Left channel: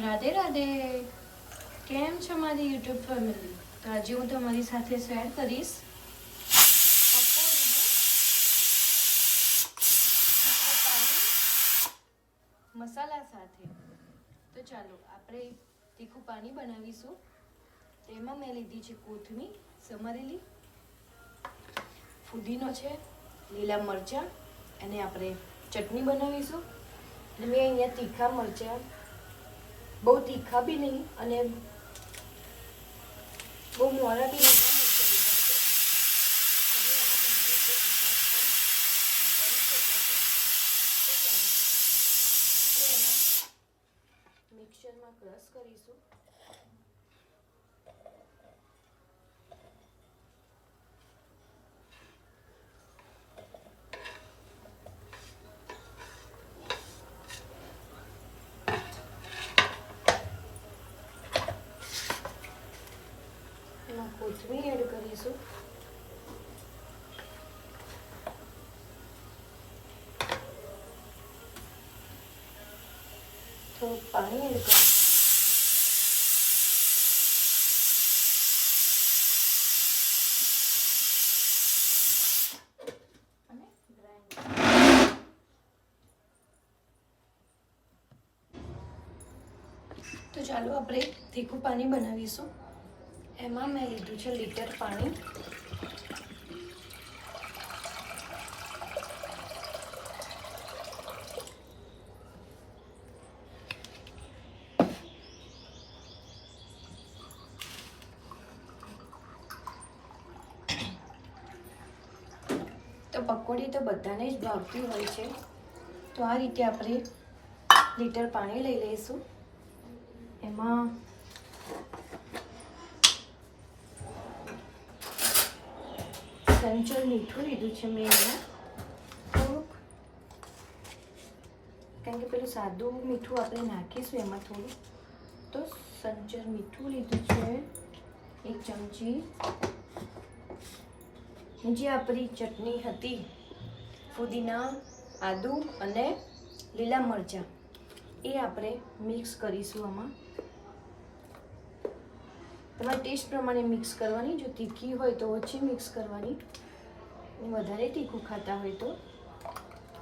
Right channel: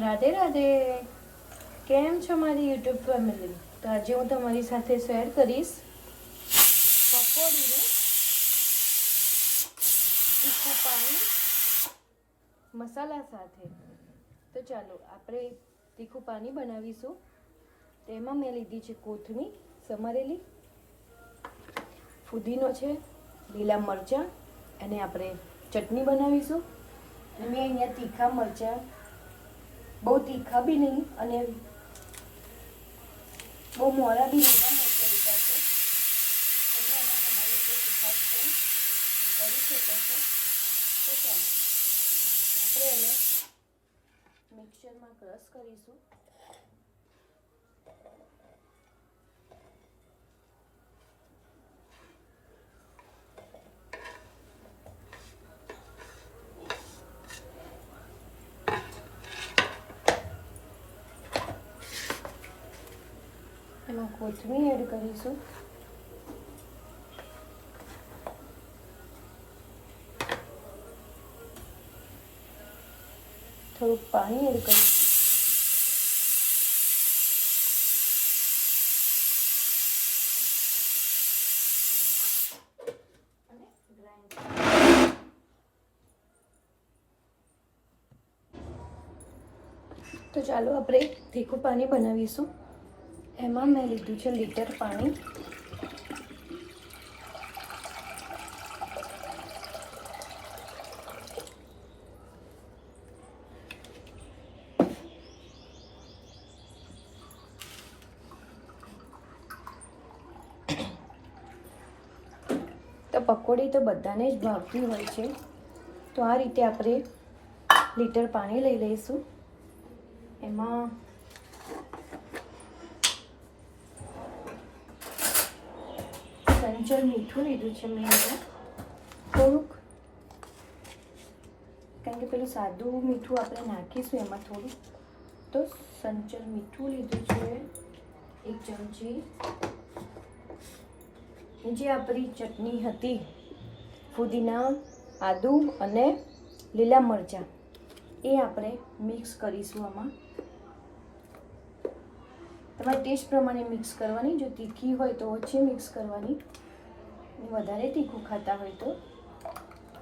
રાધે રાધે. કેમ છો મારી યુટ્યુબ ફેમિલી? તો આજે હું તમારી સાથે શેર કરીશ પકોડીનું તીખું પાણી મસાલા સાથે. તો ચાલો આપણે તીખું પાણી બનાવીશું. તેમાં મેં લીધી છે કોથમીર સમારેલી, ફુદીનો છે, લીલા મરચાં, અને આપણે ચટણી બનાવીશું. અને મેં અહીંયા તીખા મરચાં, બહુ તીખા બી નહીં અને બહુ મોરા બી લીલા મરચાં લીધા છે. તમે આમાં તમારી રીતે તીખાશ પણ કરી શકો છો. તો ચાલો આપણે એને મિક્સરમાં ક્રશ કરીશું. એમાં કોથમીર એડ કરીશું. થોડુંક પાણી એડ કરીશું. અને ગ્રાઇન્ડ. તો ચાલો આપણે તીખું પાણી બનાવીશું. એમાં મેં લીધું છે લીટર પાણી. તો પકોડી તો બધાને જ ભાવતી હોય છે. તો આ રીતે આપણે લીટર પાણી લઈ લઈશું. એમાં સંચળ મીઠું લીધું છે મેં અહીંયા થોડુંક, કારણ કે પેલું સાદું મીઠું આપણે નાખીશું એમાં થોડું. તો સંચળ મીઠું લીધું છે 1 ચમચી. જે આપણી ચટણી હતી ફુદીના, આદુ અને લીલા મરચાં, એ આપણે મિક્સ કરીશું આમાં. તમારે ટેસ્ટ પ્રમાણે મિક્સ કરવાની. જો તીખી હોય તો ઓછી મિક્સ કરવાની, વધારે તીખું ખાતા હોય તો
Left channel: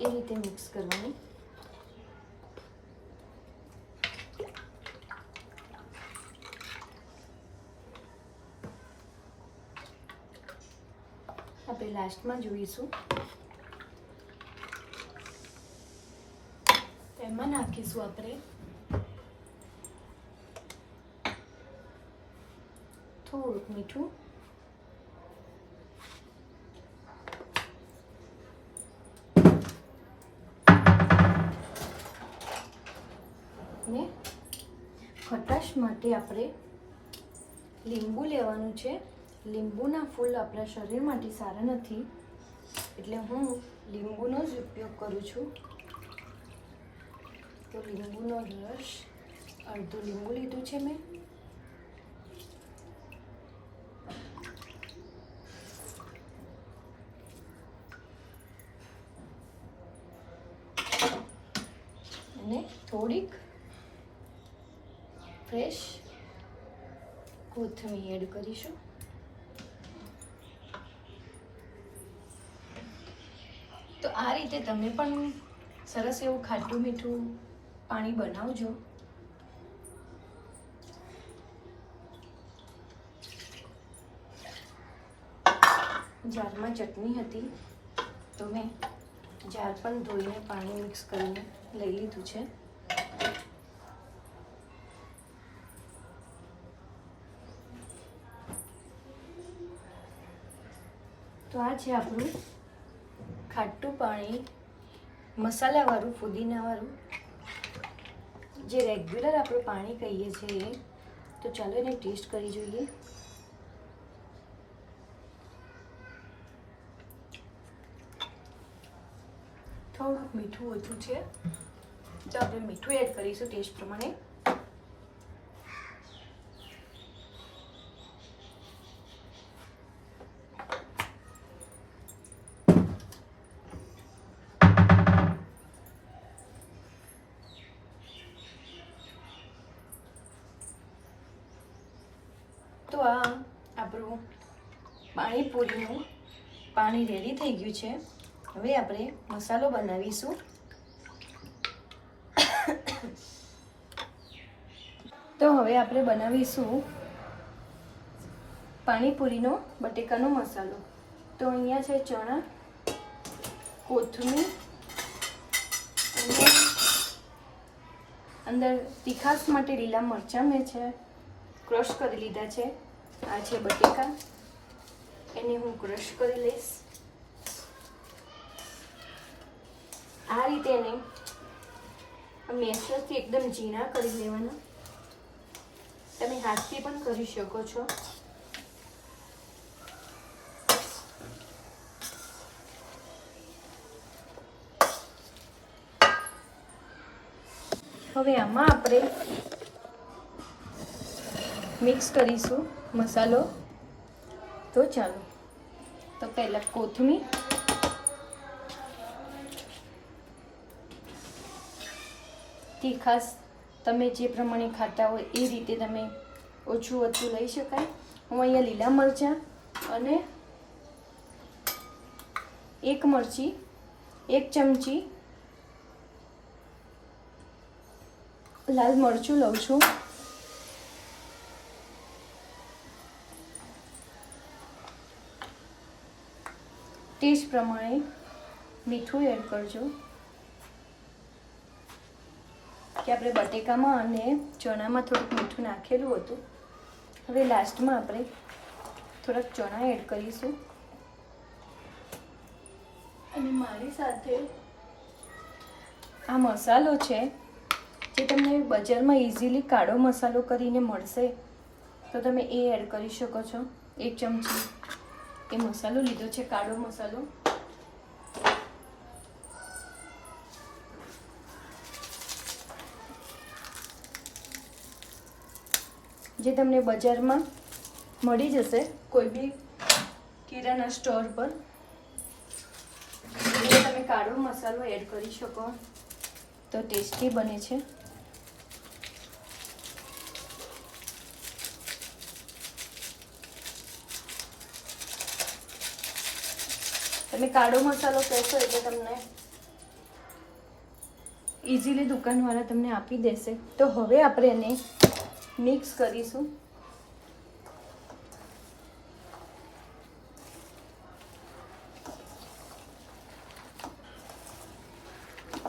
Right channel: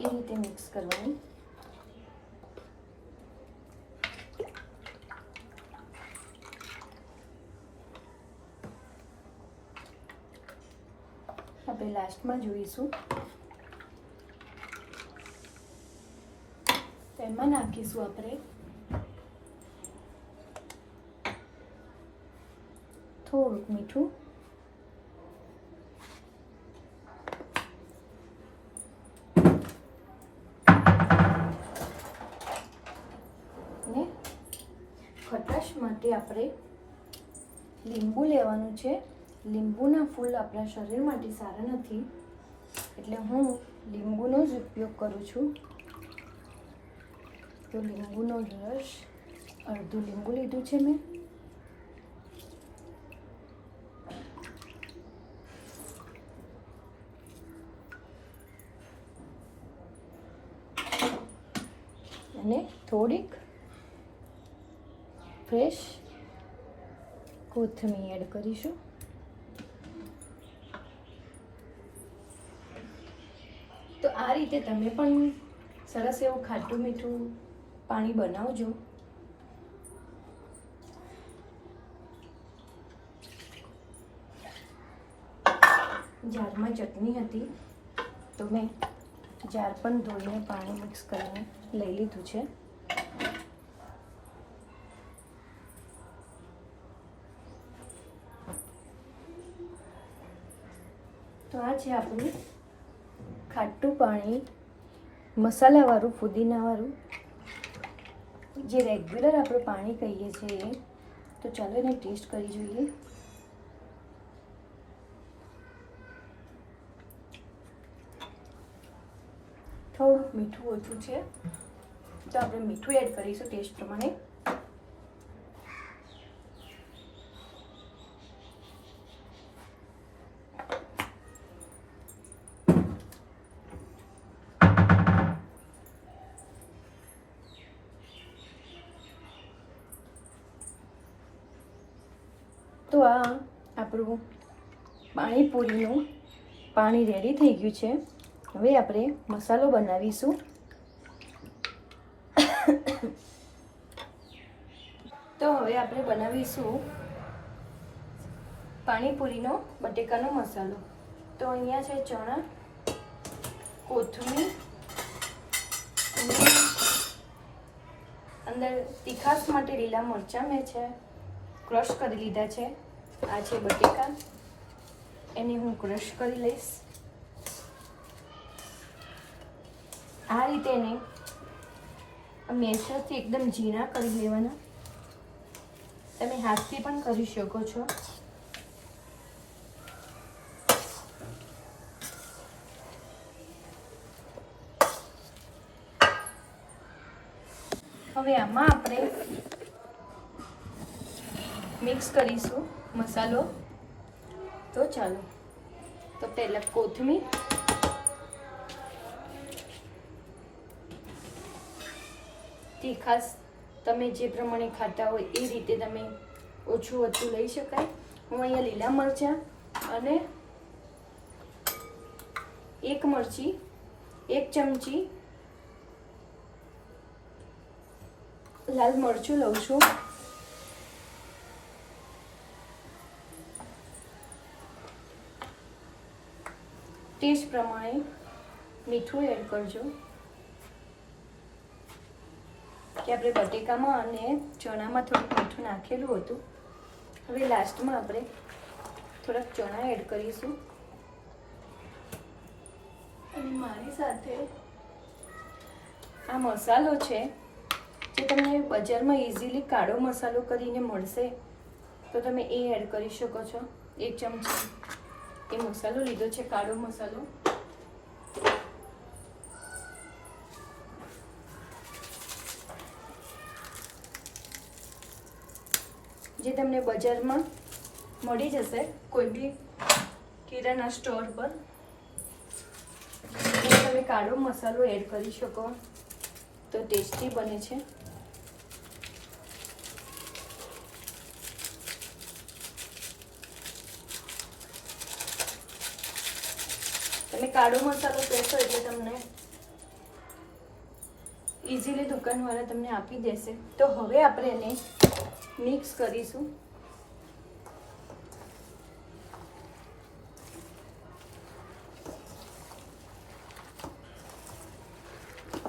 એ રીતે મિક્સ કરવાની. આપણે લાસ્ટમાં જોઈશું. એમાં નાખીશું આપણે થોડુંક મીઠું, અને ખટાશ માટે આપણે લીંબુ લેવાનું છે. લીંબુના ફૂલ આપણા શરીર માટે સારા નથી, એટલે હું લીંબુનો જ ઉપયોગ કરું છું. તો લીંબુનો રસ, અડધું લીંબુ લીધું છે મેં. અને થોડીક ફ્રેશ કોથમીર એડ કરીશું. તો આ રીતે તમે પણ સરસ એવું ખાટું મીઠું પાણી બનાવજો. જારમાં ચટણી હતી તો મેં જાર પણ ધોઈને પાણી મિક્સ કરીને લઈ લીધું છે. તો આ છે આપણું ખાટું પાણી મસાલાવાળું, ફુદીનાવાળું, જે રેગ્યુલર આપણે પાણી કહીએ છીએ. તો ચાલો એને ટેસ્ટ કરી જોઈએ. થોડુંક મીઠું ઓછું છે તો આપણે મીઠું એડ કરીશું ટેસ્ટ પ્રમાણે. તો આ આપણું પાણીપુરીનું પાણી રેડી થઈ ગયું છે. હવે આપણે મસાલો બનાવીશું. તો હવે આપણે બનાવીશું પાણીપુરીનો બટેકાનો મસાલો. તો અહીંયા છે ચણા, કોથમીર અને અંદર તીખાસ માટે લીલા મરચાં મેં છે ક્રશ કરી લીધા છે. આ છે બટેકા, એને હું ક્રશ કરી લઈશ. આ રીતે એને મેસરથી એકદમ ઝીણા કરી લેવાના. તમે હાથથી પણ કરી શકો છો. હવે આમાં આપણે મિક્સ કરીશું મસાલો. તો ચાલો, તો પહેલાં કોથમીર, તીખાસ તમે જે પ્રમાણે ખાતા હોય એ રીતે તમે ઓછું ઓછું લઈ શકાય. હું અહીંયા લીલા મરચાં અને એક મરચી, 1 ચમચી લાલ મરચું લઉં છું. ટેસ્ટ પ્રમાણે મીઠું એડ કરજો કે આપણે બટેકામાં અને ચણામાં થોડુંક મીઠું નાખેલું હતું. હવે લાસ્ટમાં આપણે થોડાક ચણા એડ કરીશું. અને મારી સાથે આ મસાલો છે જે તમને બજારમાં ઇઝીલી કાળો મસાલો કરીને મળશે, તો તમે એ એડ કરી શકો છો. 1 ચમચી એ મસાલો લીધો છે, કાળો મસાલો. જે તમને બજારમાં મળી જશે કોઈ બી કિરાના સ્ટોર પર. તમે કાળો મસાલો એડ કરી શકો તો ટેસ્ટી બને છે. તમે કાળો મસાલો કહેશો એટલે તમને ઇઝીલી દુકાનવાળા તમને આપી દેશે. તો હવે આપણે એને મિક્સ કરીશું.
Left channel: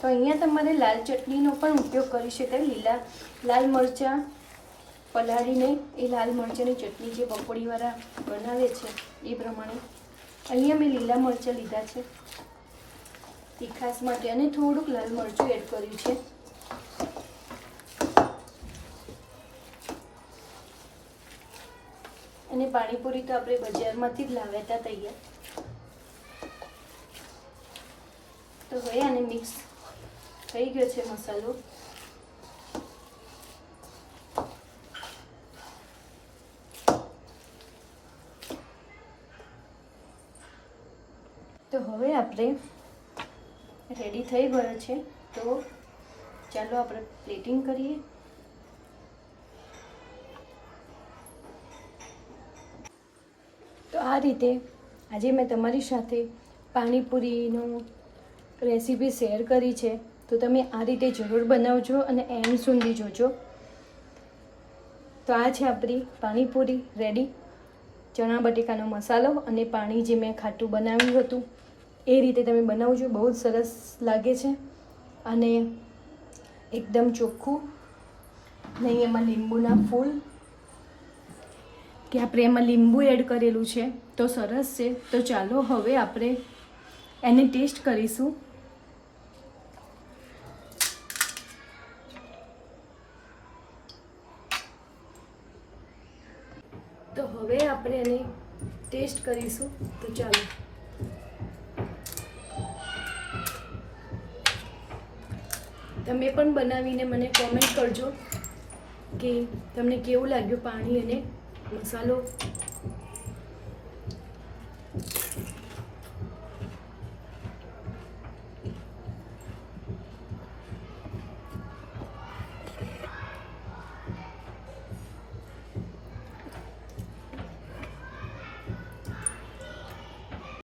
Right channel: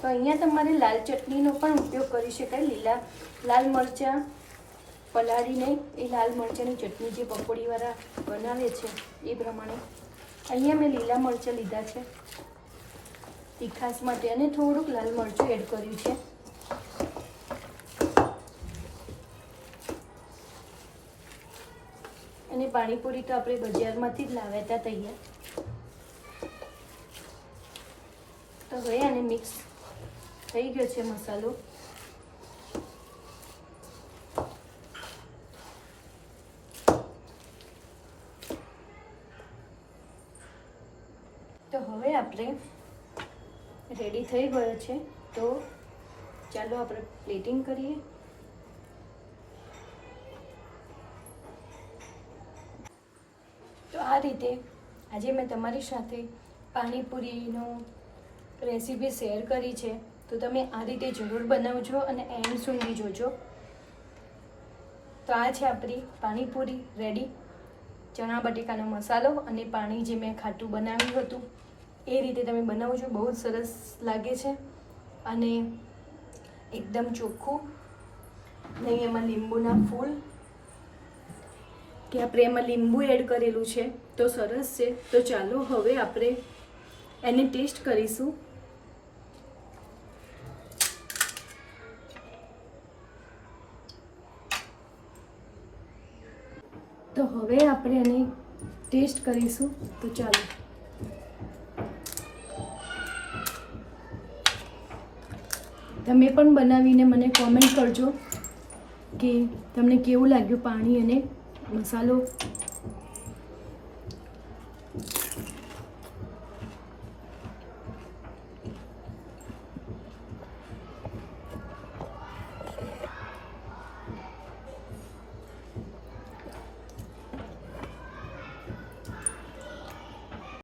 તો અહીંયા તમારે લાલ ચટણીનો પણ ઉપયોગ કરી શકાય. લાલ મરચાં પલાળીને એ લાલ મરચાંની ચટણી જે પકોડીવાળા બનાવે છે એ પ્રમાણે. અહીંયા મેં લીલા મરચાં લીધા છે તીખાસ માટે અને થોડુંક લાલ મરચું એડ કર્યું છે. અને પાણીપુરી તો આપણે બજારમાંથી જ લાવ્યા હતા તૈયાર. તો હવે આને મિક્સ થઈ ગયો છે મસાલો. તો હવે આપણે રેડી થઈ ગયો છે. તો ચાલો આપણે પ્લેટિંગ કરીએ. તો આ રીતે આજે મેં તમારી સાથે પાણીપુરીનો રેસીપી શેર કરી છે. તો તમે આ રીતે જરૂર બનાવજો અને એન્ડ સુધી જોજો. તો આ છે આપણી પાણીપુરી રેડી. ચણા બટેકાનો મસાલો અને પાણી જે મેં ખાટું બનાવ્યું હતું એ રીતે તમે બનાવજો. બહુ જ સરસ લાગે છે અને એકદમ ચોખ્ખું, નહીં એમાં લીંબુના ફૂલ કે આપણે એમાં લીંબુ એડ કરેલું છે તો સરસ છે. તો ચાલો હવે આપણે એને ટેસ્ટ કરીશું. તો હવે આપણે એને ટેસ્ટ કરીશું. તો ચાલો. તમે પણ બનાવીને મને કોમેન્ટ કરજો કે તમને કેવું લાગ્યું પાણી અને મસાલો.